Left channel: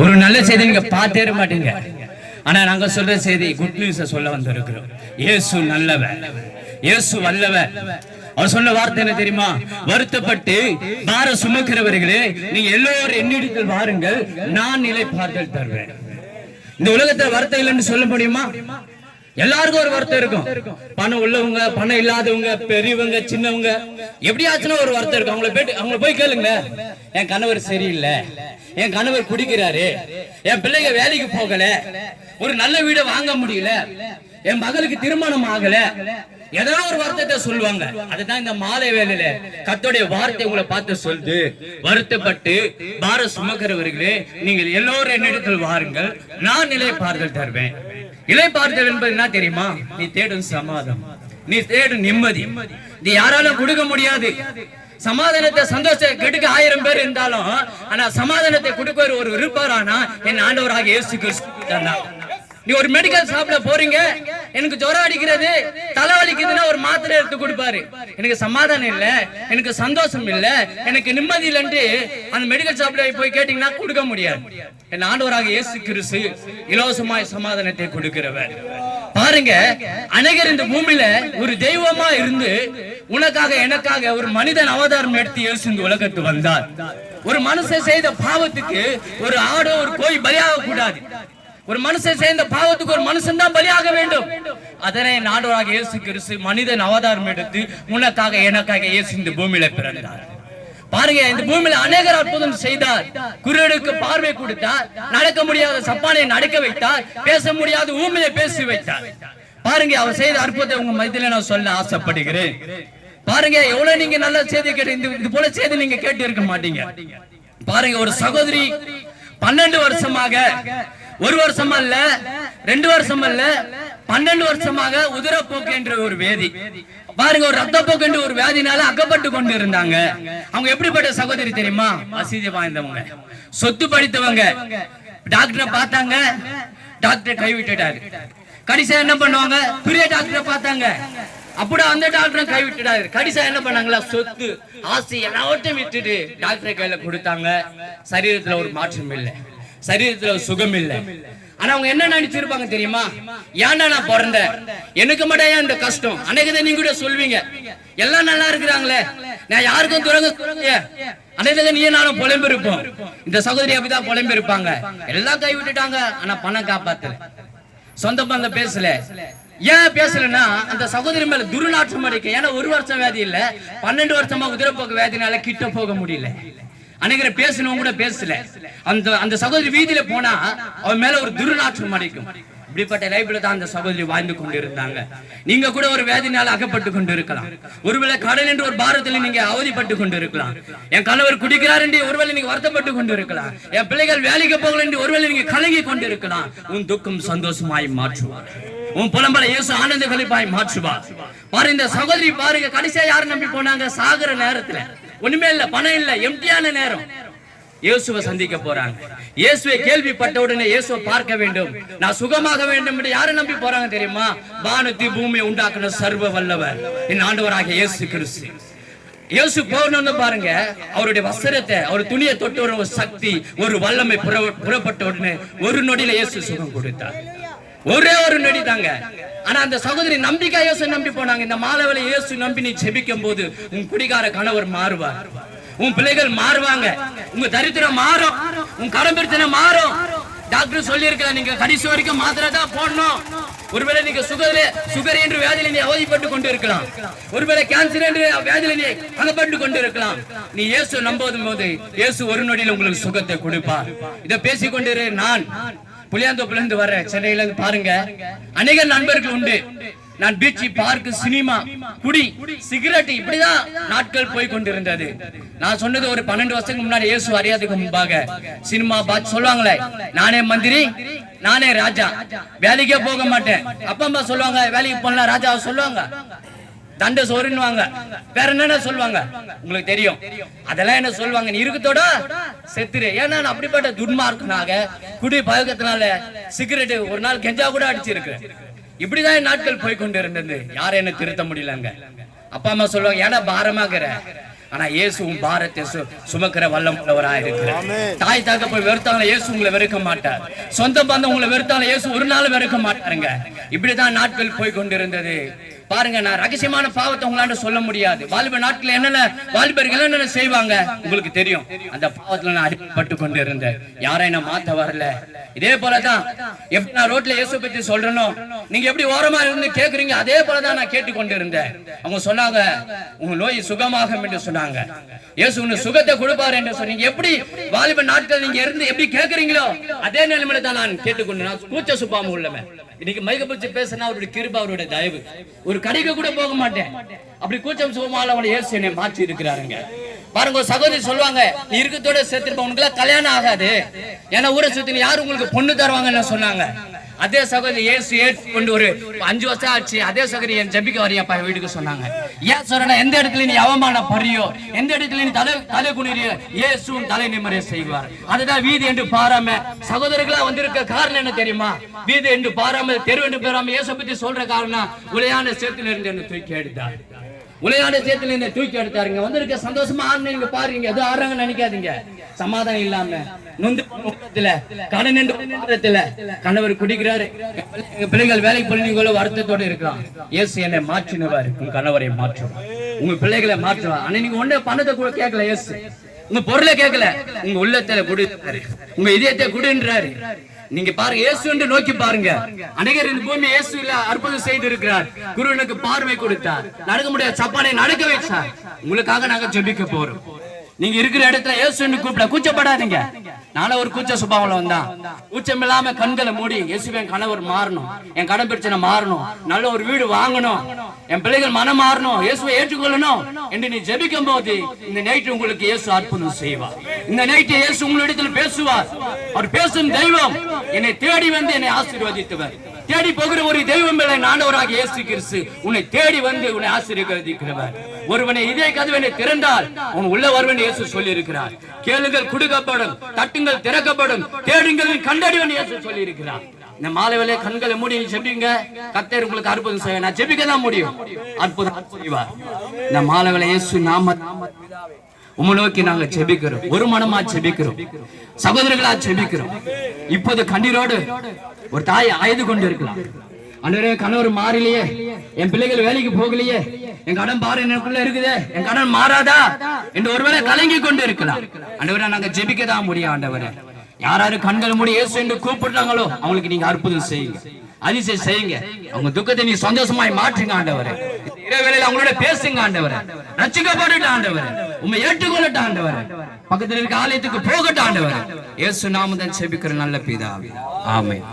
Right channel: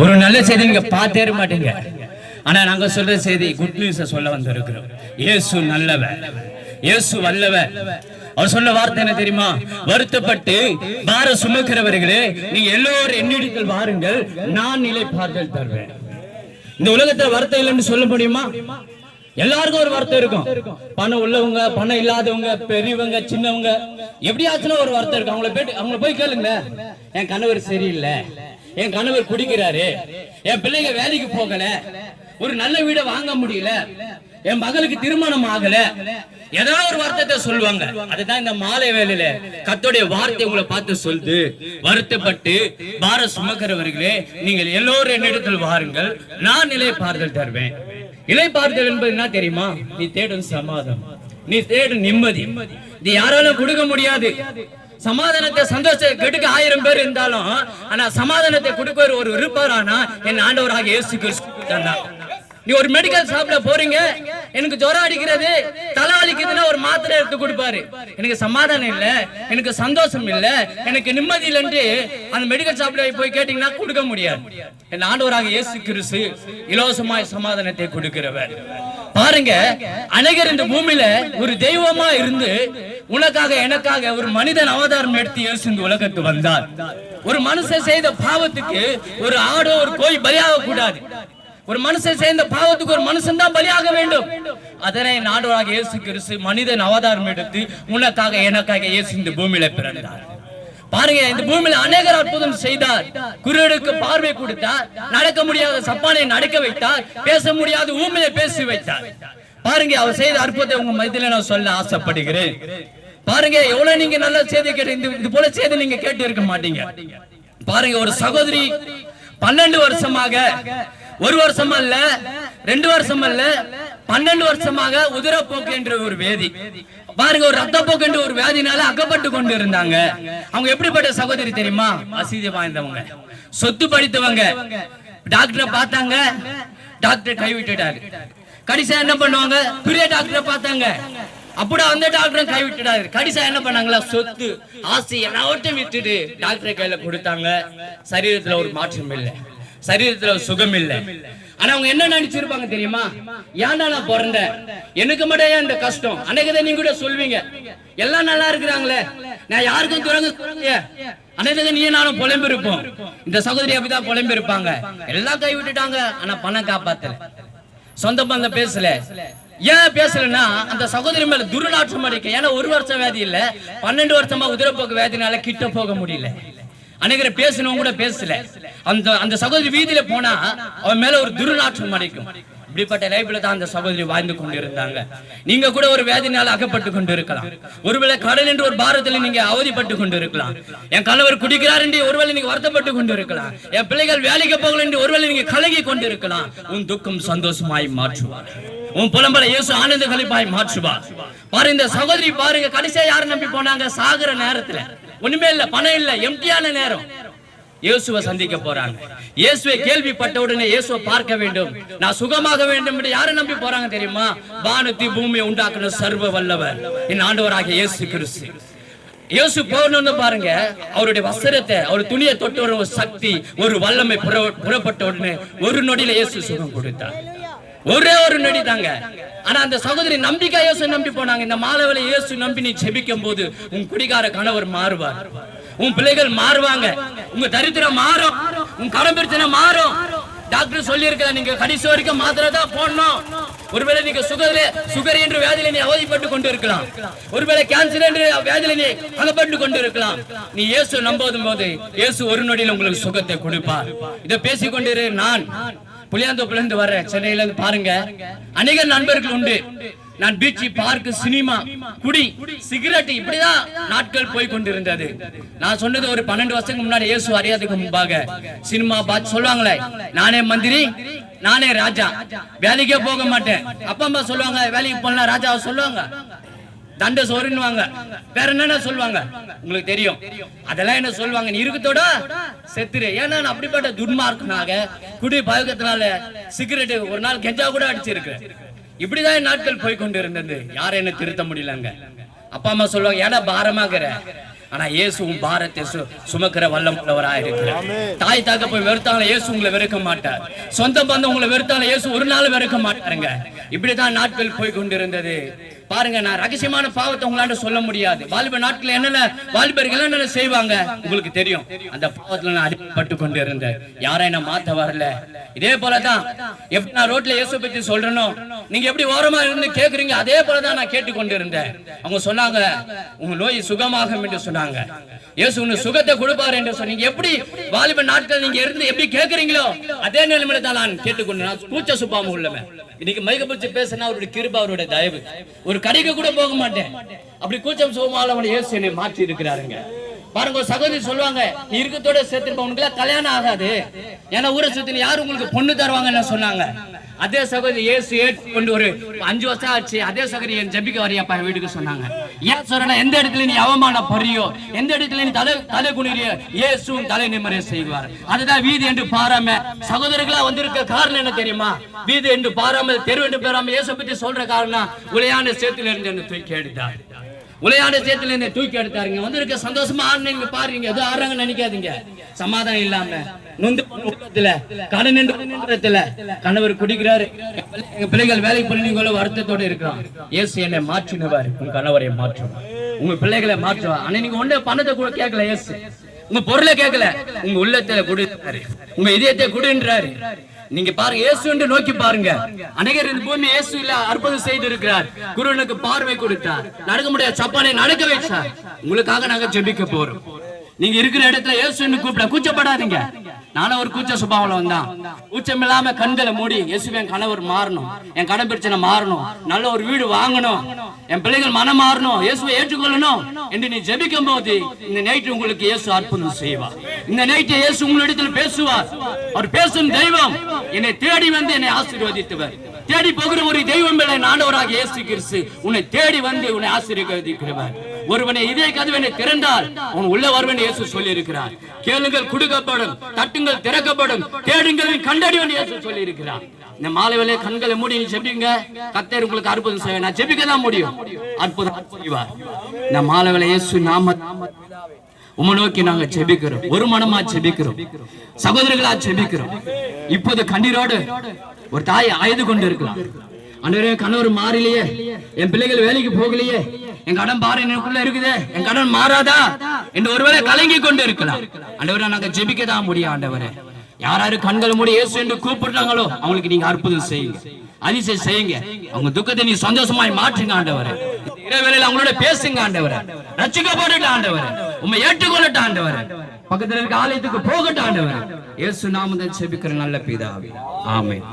ஒரு நல்ல செய்தி நீங்க பார்த்தே மாட்டீங்க. ஆனா நாங்க சொல்ற செய்தி குட் நியூஸ சொல்ல வந்திருக்கிறோம். இயேசு நல்லவர், இயேசு வல்லவர். அவர் சொன்ன வார்த்தை என்ன தெரியுமா? வருத்தப்பட்டு பார சுமக்கிறவர்களே, நீங்க எல்லோரும் என்னிடத்தில் வாருங்கள், நான் இளைப்பாறுதல் தருவேன். இந்த உலகத்துல வருத்தம் இல்லைன்னு சொல்ல முடியுமா? எல்லாருக்கும் ஒரு வருத்தம் இருக்கும். பணம் உள்ளவங்க, பணம் இல்லாதவங்க, பெரியவங்க, சின்னவங்க, எப்படியாச்சுன்னா ஒரு வருத்தம் இருக்கும். அவங்கள போய் கேளுங்க. என் கணவர் சரியில்லை, என் கணவர் குடிக்கிறாரு, என் பிள்ளைங்க வேலைக்கு போகல, ஒரு நல்ல வீடை வாங்க முடியல, என் மகளுக்கு திருமணம் ஆகல, ஏதாவது ஒரு வார்த்தை சொல்லுவாங்க. அதுதான் இந்த மாலை வேளையில கர்த்தருடைய வார்த்தை உங்களை பார்த்து சொல்லுது. வருத்தப்பட்டு பார சுமக்கிறவர்களே, நீங்கள் எல்லோரும் என்னிடத்தில் வாருங்கள், நான் இளைப்பாறுதல் தருவேன். இளைப்பாறுதல் என்பது என்ன தெரியுமா? நீ தேடும் சமாதானம், நீ தேடும் நிம்மதி. இது யாராலும் கொடுக்க முடியாது. சமாதானத்தை, சந்தோஷத்தை கெடுக்க 1000 பேர் இருந்தாலும், ஆனா சமாதானத்தை கொடுக்க ஒரு இருப்பாரானா என் ஆண்டவராக இயேசு கிறிஸ்து. நீ ஒரு மெடிக்கல் ஷாப்ல போறீங்க, எனக்கு ஜுரம் அடிக்கிறது, தலைவலிக்குதுன்னா ஒரு மாத்திரை எடுத்து கொடுப்பாரு. எனக்கு சமாதானம் இல்ல, எனக்கு சந்தோஷம் இல்ல, எனக்கு நிம்மதி இல்லைன்னு அந்த மெடிக்கல் ஷாப்ல போய் கேட்டீங்கன்னா கொடுக்க முடியாது. என் ஆண்டவராக இயேசு கிறிஸ்து இலவசமாய் சமாதானத்தை கொடுக்கிறவர். பாருங்க, அநேகர் இந்த பூமியில ஒரு தெய்வமா இருந்து உனக்காக எனக்காக ஒரு மனிதன் அவதாரம் எடுத்து இயேசு இந்த உலகத்துக்கு வந்தார். ஒரு மனுஷன் செய்த பாவத்துக்கு ஒரு ஆடோ ஒரு கோய் பலியாக கூடாது. ஒரு மனுஷன் செய்த பாவத்துக்கு ஒரு மனுஷன் தான் பலியாக வேண்டும். அதனை நாடோராக இயேசு கிறிஸ்து மனிதன் அவதாரம் எடுத்து உனக்காக எனக்காக இயேசு இந்த பூமியில பிறந்தார். பாருங்க, இந்த பூமியில அநேகர் அற்புதம் செய்தார். குருடனுக்கு பார்வை கொடுத்தார், நடக்க முடியாத சப்பானை நடக்க வைத்தார், பேச முடியாத ஊமையை பேசி வைத்தார். பாருங்க, அவர் செய்த அற்புதத்தை உங்க மத்தியில நான் சொல்ல ஆசைப்படுகிறேன். பாருங்க, எவ்வளவு நீங்க நல்ல செய்தி கேட்டு இது போல செய்தி நீங்க கேட்டு இருக்க மாட்டீங்க. பாருங்க, ஒரு சகோதரி 12 வருஷமாக, 1 வருஷம் அல்ல, 2 வருஷம் அல்ல, 12 வருஷமாக உதிரப்போக்கு என்ற ஒரு வேதி, பாருங்க, ஒரு ரத்தப்போக்கு என்ற ஒரு வியாதினால அகப்பட்டு கொண்டு இருந்தாங்க. அவங்க எப்படிப்பட்ட சகோதரி தெரியுமா? வசதி வாய்ந்தவங்க, சொத்து படித்தவங்க. டாக்டரை பார்த்தாங்க, டாக்டர் கைவிட்டுட்டாரு. கடைசியா என்ன பண்ணுவாங்க? பெரிய டாக்டரை பார்த்தாங்க, அப்படி அந்த டாக்டரும் கைவிட்டுட்டாரு. கடைசியா என்ன பண்ணாங்களா? சொத்து ஆசை எல்லாவற்றையும் விட்டுட்டு டாக்டரை கையில கொடுத்தாங்க. சரீரத்துல ஒரு மாற்றம் இல்லை, சரீரத்துல சுகம் இல்லை. ஆனா அவங்க என்ன நினைச்சிருப்பாங்க தெரியுமா? ஏன்னா நான் பிறந்தேன், எனக்கு மட்டும் இந்த கஷ்டம். அன்னைக்குதான் நீங்க கூட சொல்வீங்க, எல்லாம் நல்லா இருக்கிறாங்களே, நான் யாருக்கும் துறங்க. அன்னைக்குதான் நீ நானும் புலம்பு இருப்போம். இந்த சகோதரி அப்படிதான் புலம்பு இருப்பாங்க. எல்லாம் கை விட்டுட்டாங்க, ஆனா பணம் காப்பாத்தல, சொந்த பந்தம் பேசல. ஏன் பேசலன்னா அந்த சகோதரி மேல துர்நாற்றம் அடிக்க. ஏன்னா 1 வருஷம் வியாதி இல்ல, 12 வருஷமா உதிரப்போக்கு வியாதினால கிட்ட போக முடியல. அநேகரை பேசணும் கூட பேசல. அந்த சகோதரி வீதியில போனா அவன் மேல ஒரு துர்நாற்றம் அடிக்கும். இப்படிப்பட்ட லைஃப்ல தான் அந்த சகோதரி வாழ்ந்து கொண்டு இருந்தாங்க. நீங்க கூட ஒரு வேதனையால அகப்பட்டு கொண்டு இருக்கலாம். ஒருவேளை கடன் என்று ஒரு பாரத்தில் நீங்க அவதிப்பட்டு கொண்டு இருக்கலாம். என் கணவர் குடிக்கிறார் என்று ஒருவேளை நீங்க வருத்தப்பட்டு கொண்டு இருக்கலாம். என் பிள்ளைகள் வேலைக்கு போகல என்று ஒருவேளை நீங்க கலங்கி கொண்டு இருக்கலாம். உன் துக்கம் சந்தோஷமாய் மாற்றுவார், உன் புலம்பலை இயேசு ஆனந்த களிப்பாய் மாற்றுவார். பாருங்க, இந்த சகோதரி பாருங்க, கடைசியா யாரை நம்பி போனாங்க? சாகுற நேரத்துல ஒண்ணுமே இல்ல, பணம் இல்ல, எம்டியான நேரம் இயேசுவை சந்திக்க போறாங்க. இயேசுவை கேள்விப்பட்ட உடனே இயேசுவை பார்க்க வேண்டும், நான் சுகமாக வேண்டும் என்று யாரை நம்பி போறாங்க தெரியுமா? வானத்தை பூமியை உண்டாக்குன சர்வ வல்லவர் என் ஆண்டவராகிய இயேசு கிறிஸ்து. இயேசு போகணும்னு பாருங்க, அவருடைய வஸ்திரத்தை, அவர் துணியை தொட்டு ஒரு சக்தி, ஒரு வல்லமை புறப்பட்ட உடனே ஒரு நொடியில இயேசு சுகம் கொடுத்தார். ஒரே ஒரு நொடி தாங்க. ஆனா அந்த சகோதரி நம்பிக்கை இயேசு நம்பி போனாங்க. இந்த மாலைவேளை இயேசு நம்பி நீ ஜெபிக்கும் போது உன் குடிகார கணவர் மாறுவார், உன் பிள்ளைகள் மாறுவாங்க, உங்க தரித்திரம் மாறும், உன் கடன் பிரச்சனை மாறும். டாக்டர் சொல்லி இருக்கிறார், நீங்க கடைசி வரைக்கும் மாத்திரை தான் போடணும். ஒருவேளை நீங்க சுகர் என்ற வியாதியில நீ அவதிப்பட்டு கொண்டு இருக்கலாம், ஒருவேளை கேன்சர் என்ற வியாதியில நீ அகப்பட்டு கொண்டு இருக்கலாம். நீ இயேசு நம்பும் போது இயேசு ஒரு நொடியில் உங்களுக்கு சுகத்தை கொடுப்பார். இதை பேசிக்கொண்டிரு. நான் புளியாந்தோப்புல இருந்து வர்றேன், சென்னையில இருந்து. பாருங்க, அநேக நண்பர்கள் உண்டு. நான் பீச், பார்க், சினிமா, குடி, சிகரெட், இப்படிதான் நாட்கள் போய் கொண்டிருந்தது. நான் சொன்னது ஒரு 12 வருஷத்துக்கு முன்னாடி, இயேசு அறியாதுக்கு முன்பாக. சினிமா பார்த்து சொல்லுவாங்களே, நானே மந்திரி, நானே ராஜா, வேலைக்கே போக மாட்டேன். அப்பா அம்மா சொல்லுவாங்க, வேலைக்கு போனா ராஜா சொல்லுவாங்க, தண்ட சோறுன்னுவாங்க, வேற என்னென்ன சொல்லுவாங்க உங்களுக்கு தெரியும். அதெல்லாம் என்ன சொல்லுவாங்க? நீ இருக்கத்தோட செத்துரு. ஏன்னா அப்படிப்பட்ட துன்மார்க்கனாக குடி பழக்கத்தினால சிகரெட், ஒரு நாள் கெஞ்சா கூட அடிச்சிருக்கு. இப்படிதான் நாட்கள் போய் கொண்டு இருந்தது. யாரும் என்ன திருத்த முடியலங்க. அப்பா அம்மா சொல்லுவாங்க, ஏன்னா பாரமாகிற ஆனா இயேசு உன் பாரத்தை சுமக்கிற வல்லம் உள்ளவராக இருக்கிறார். தாய் தகப்பன் வெறுத்தாலும் இயேசு உங்களை வெறுக்க மாட்டார். சொந்த பந்தம் உங்களை வெறுத்தாலும் இயேசு ஒரு நாள் வெறுக்க மாட்டாருங்க. இப்படிதான் நாட்கள் போய் கொண்டிருந்தது. பாருங்க, நான் ரகசியமான பாவத்தை உங்களாண்ட சொல்ல முடியாது. வாலிப நாட்கள் என்னென்ன வாலிபர்கள் என்னென்ன செய்வாங்க உங்களுக்கு தெரியும். அந்த பாவத்துல நான் அடிபட்டு கொண்டு இருந்தேன். யாரை நான் மாத்த வரல. இதே போலதான் எப்படி நான் ரோட்ல இயேசு பத்தி சொல்றேனோ, நீங்க எப்படி ஓரமா இருந்து கேக்குறீங்க, அதே போலதான் நான் கேட்டுக்கொண்டு இருந்தேன். அவங்க சொன்னாங்க, உங்க நோய் சுகமாகும் என்று சொன்னாங்க. இயேசு உனக்கு சுகத்தை கொடுப்பாரு என்று சொன்னீங்க. எப்படி வாலிப நாட்கள் நீங்க இருந்து எப்படி கேட்கறீங்களோ அதே நிலைமையில தான் நான் கேட்டுக்கொண்டு, நான் கூச்ச சுப்பாம உள்ளவன். இன்னைக்கு மைக்க பிடிச்சு பேசினா அவருடைய கிருபை, அவருடைய தயவு. ஒரு கடைக்கு கூட போக மாட்டேன். அப்படி கூச்சம் சுகமால அவனை இயேசு என்னை மாற்றி இருக்கிறாருங்க. பாருங்க, ஒரு சகோதரி சொல்லுவாங்க, நீ இருக்கத்தோட சேர்த்துருப்ப உனக்கு எல்லாம் கல்யாணம் ஆகாது, ஏன்னா ஊரை சுத்தி யாரும் உங்களுக்கு பொண்ணு தருவாங்கன்னு சொன்னாங்க. அதே சகோதரி இயேசு ஏற்றுக்கொண்டு ஒரு 5 வருஷம் ஆச்சு. அதே சகோதரி என் ஜெபிக்க வரையப்பா வீட்டுக்கு சொன்னாங்க. ஏன் சொல்றேன்னா, எந்த இடத்துல நீ அவமானப்படுறியோ, எந்த இடத்துல நீ தலை குனிறியோ, இயேசுவும் தலை நிமிர செய்வார். அதுதான் வீதி என்று பாராம சகோதரர்களா வந்திருக்க காரணம் என்ன தெரியுமா? வீதி என்று பாராமல், தெரு என்று பாராமல் இயேசு பற்றி சொல்ற காரணம், உளையான சேத்துல இருந்து என்ன தூக்கி எடுத்தார். உளையான சேத்துல என்ன தூக்கி எடுத்தாருங்க. வந்திருக்க சந்தோஷமா ஆடுங்க பாருங்க, ஏதோ ஆடுறாங்கன்னு நினைக்காதீங்க. சமாதானம் இல்லாம கணவர் குடிக்கிறாரு, எங்க பிள்ளைகள் வேலை பண்ணி வருத்தத்தோடு இருக்கிறான். இயேசு என்னை மாற்றினவர், உங்க கணவரை மாற்றுவார், உங்க பிள்ளைகளை மாற்றுவார். ஆனா நீங்க ஒண்ணே பணத்தை கூட கேட்கல, இயேசு உங்க பொருளை கேட்கல, உங்க உள்ளத்துல குடி, உங்க இதயத்தை குடின்றாரு. நீங்க பாருங்க, இயேசு என்று நோக்கி பாருங்க. அநேகர் இந்த பூமி இயேசு இல்ல அற்புதம் செய்து இருக்கிறார். குருவனுக்கு பார்வை கொடுத்தார், நடக்க முடியாத சப்பானை நடக்க வைச்சார். உங்களுக்காக நாங்க ஜெபிக்க போறோம். நீங்க இருக்கிற இடத்துல இயேசுன்னு கூப்பிட கூச்சப்படாதீங்க. நானும் ஒரு கூச்ச சுபாவம் வந்தான். கூச்சம் இல்லாம கண்களை மூடி, இயேசுவே என் கணவர் மாறணும், என் கடன் பிரச்சனை மாறணும், நல்ல ஒரு வீடு வாங்கணும், என் பிள்ளைகள் மனம் மாறணும், இயேசுவை ஏற்றுக்கொள்ளணும் என்று நீ ஜெபிக்கும் போது இந்த நைட்டு உங்களுக்கு இயேசு அற்புதம் செய்வார். இந்த நைட்டு இயேசு உங்களிடத்தில் பேசுவார். அவர் பேசும் தெய்வம் என்னை தேடி வந்து என்னை ஆசீர்வதித்தவர். தேடி போகிற ஒரு தெய்வம் இல்லை, ஆண்டவராக இயேசு கிறிஸ்து உன்னை தேடி வந்து உன்னை ஆசீர்வதிக்கிறவர். ஒருவனை இதே கதவனை திறந்தால் உன் உள்ள வருவன் இயேசு சொல்லி இருக்கிறார். கேளுங்கள் கொடுக்கப்படும், தட்டுங்கள் திறக்கப்படும், தேடுங்கள் கண்டறிவன் இயேசு சொல்லி இருக்கிறார். இந்த மாலை வேளையிலே கண்களை மூடி ஜெபிங்க. கர்த்தர் உங்களுக்கு அற்புதம் செய்வார். நான் ஜெபிக்க தான் முடியும், அற்புதம் செய்வார். இந்த மாலை வேளையிலே இயேசு நாம உம்மை நோக்கி நாங்க ஜெபிக்கிறோம். ஒரு மனமா ஜெபிக்கிறோம், சகோதரர்களா ஜெபிக்கிறோம். இப்போது கண்ணீரோடு ஒரு தாய் அழுது கொண்டு இருக்கலாம். அன்றே கணவர் மாறலையே, என் பிள்ளைகள் வேலைக்கு போகலையே, என் கடன் பாரு எனக்குள்ள இருக்குதே, என் கடன் மாறாதா என்று ஒருவேளை கலங்கி கொண்டு இருக்கலாம். ஆண்டவரே, நாங்க ஜெபிக்க தான் முடியும். ஆண்டவரே, யாராரு கண்கள் மூடி இயேசு என்று கூப்பிடுறாங்களோ அவங்களுக்கு நீங்க அற்புதம் செய்யுங்க, அதிசயம் செய்யுங்க. அவங்க துக்கத்தை நீ சந்தோஷமாய் மாற்றுங்க ஆண்டவரே. இரவேளையில அவங்களோட பேசுங்க ஆண்டவரே. ரட்சிக்கப்படட்ட ஆண்டவரே, உம்மை ஏற்றுக்கொள்ளட்ட ஆண்டவரே. பக்கத்துல இருக்க ஆலயத்துக்கு போகட்ட ஆண்டவரே. இயேசு நாமத்தில் ஜெபிக்கிற நல்ல பிதாவே, ஆமென்.